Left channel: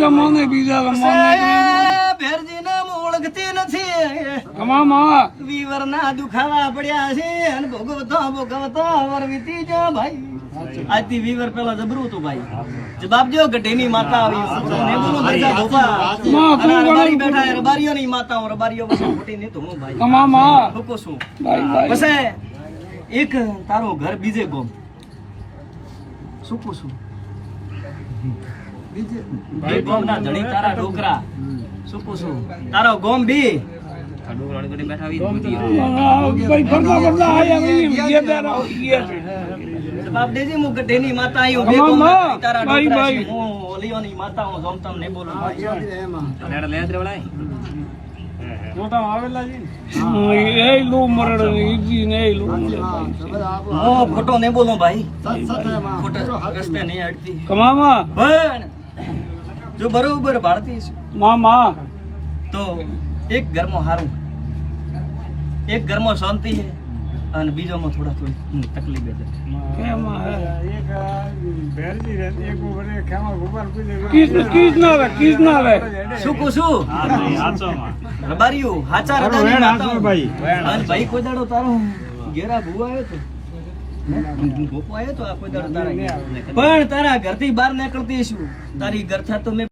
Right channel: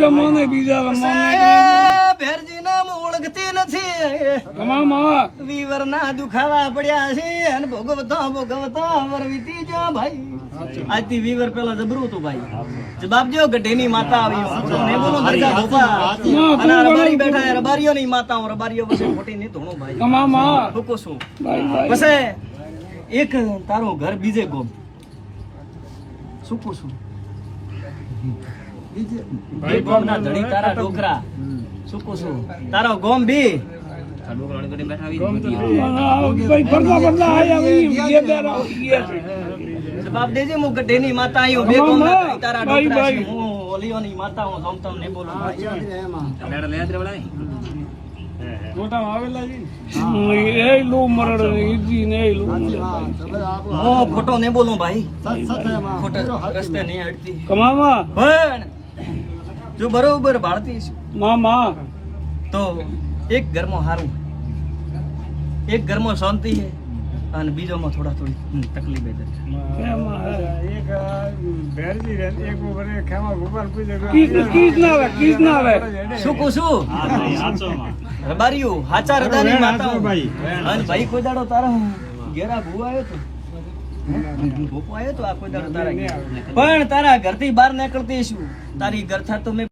ગમોને બીજા ગમોને ભેરજી નામ ઓળખતી નથી મામા વીવર ના દુખાવા પડ્યા છે અને ભોગવતો વર વીતી જા ભાઈ આજથી વીવર પેલા જબરું હતું ભાઈ જવાબ જો ગઢેની માતા આવી ને બોલો અને રબારી બેઠા રબારીઓ ની માતાઓ રબારીઓ વચ્ચે મોટી ને તો હું ભાઈ મામા મૂકો છું ભાઈ પછી એક તારું ઘર બીજે ગોમ શું પૂછું બીજે ગોમ ના ધણી તારા ડોકરા શું પૂછું તારો ગોમ બી જવાબ દેજે હું ગઢેની માતા આવ્યું બે ગોમ ના ધણી તારા ડોકરા છે હું ઓલીઓની માતા હું જોમતમ ને બોલું મોટા આવેલા એ લો મરડ ઈજી ને લો હું ખોટો નહીં બોલું ભાઈ ખોટા રસ્તે નહીં હટતી કમામા પણ જો બરોબર ભારતી છે મામા તો એક ઘરમાં સારું એક ઘરમાં શાંતિ છે અને બીજોમાં થોડી તકલીફ છે શું પૂછું રબારીયું હાચા રજાની માતા અને ભાઈ કોઈ દાડો તારો ઘેરા ભૂ આવ્યો તો ગોપો આવ્યો તો આ કોઈ દાડો તારા પણ તારા ઘરથી બહાર નીકળતી શું તારી ઘર થા તો મેં